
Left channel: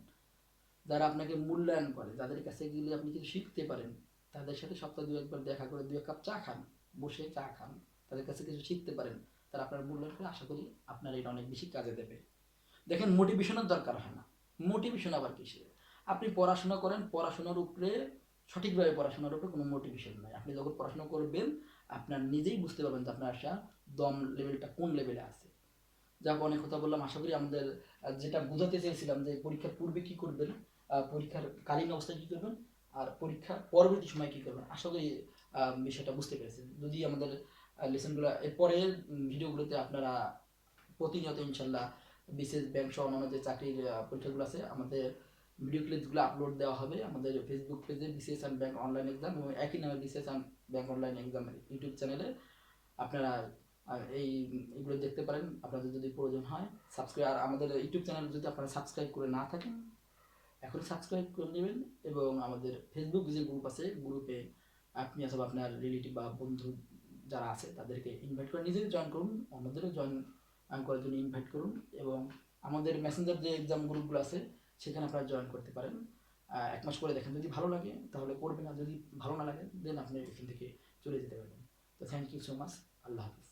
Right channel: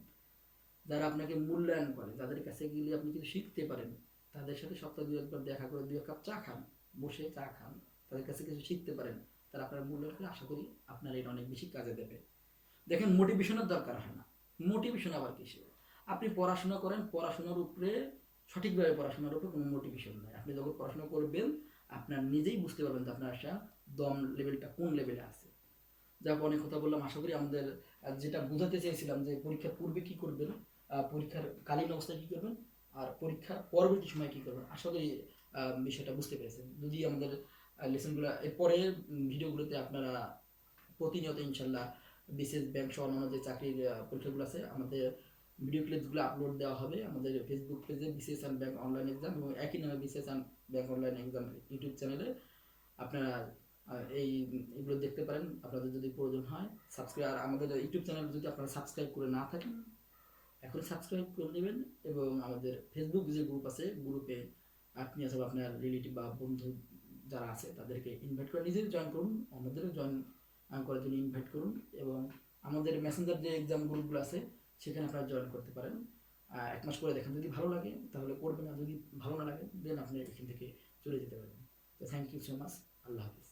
যারা আপনাকে মূল্যায়ন করে, যাদের কাছে গেলে আপনি কিছু শিখতে পারেন, তাদের সাথে সপ্তাহে 2-1 বার দেখা করে 2 কাপ চা খান, বসে চা খান, তাদের কাছে কিছু শিখতে পারেন, তারা আপনার মূল্যায়ন করে, আশা করি আপনার এটা অনেক বেশি কাজে দেবে। দেখেন, মোটিভেশনের দরকার হয় না। মোটিভেশন আবার কিসে? আপনি পড়াশোনা করেন, পড়াশোনার উপরে, সঠিকভাবে পড়াশোনার উপরে কোনো মোটিভেশন নাই। আপনি যখন পড়াশোনা করবেন, আপনার নিজেই বুঝতে পারবেন যে আপনার একটা দম লেভেলটা কোন লেভেলে আছে। যাক, অনেক কথা বললাম। আশা করি আমাদের যেটা বোঝাতে চেয়েছিলাম, যে পরীক্ষার পূর্বে কি করবেন, পরীক্ষার কালীন অবস্থায় কি করবেন, আর পরীক্ষার পরবর্তী সময় কি করবেন, আশা করি বিষয়টা বুঝতে পেরেছেন। যদি আমাদের লেসনগুলো এরপরে ভিডিওগুলোতে আপনারা প্রতিনিয়ত ইনশাল্লাহ বিশেষ ব্যাংক সহ অন্যান্য যে চাকরির পরীক্ষাগুলো আছে, আমাদের ভিডিও ক্লিপসগুলো আপলোড দেওয়া হবে আমাদের ফেসবুক পেজে BCS and bank online exam এবং একই নামে BCS and bank online exam YouTube চ্যানেলে আপনারা এগুলো দেখতে পারেন আপনাদের যদি প্রয়োজন হয়। সাবস্ক্রাইব, আর আমাদের ইউটিউব চ্যানেল যদি আপনারা সাবস্ক্রাইব করে না থাকেন এখন সাবস্ক্রাইব করে নেবেন এবং আমাদের ফেসবুক যে গ্রুপ আছে গ্রুপে আপনি অথবা আপনার রিলেটিভ বা বন্ধু যারা আছে তাদেরকে ইনভাইট করে নিজেই জয়েন করুন, অন্যদেরও জয়েন করার জন্য ইনভাইট করুন এবং আমাদের মেসেঞ্জার যে এক্সাম গ্রুপগুলো আছে সেখানে আপনারা জয়েন করতে পারেন। 1 মাস করে দেখেন, যদি ভালো লাগে তাহলে করবেন, আর যদি ভালো না লাগে দেন আপনি এখান থেকে চলে যেতে পারবেন। তো থ্যাংক ইউ সো মাচ, আল্লাহ হাফিজ।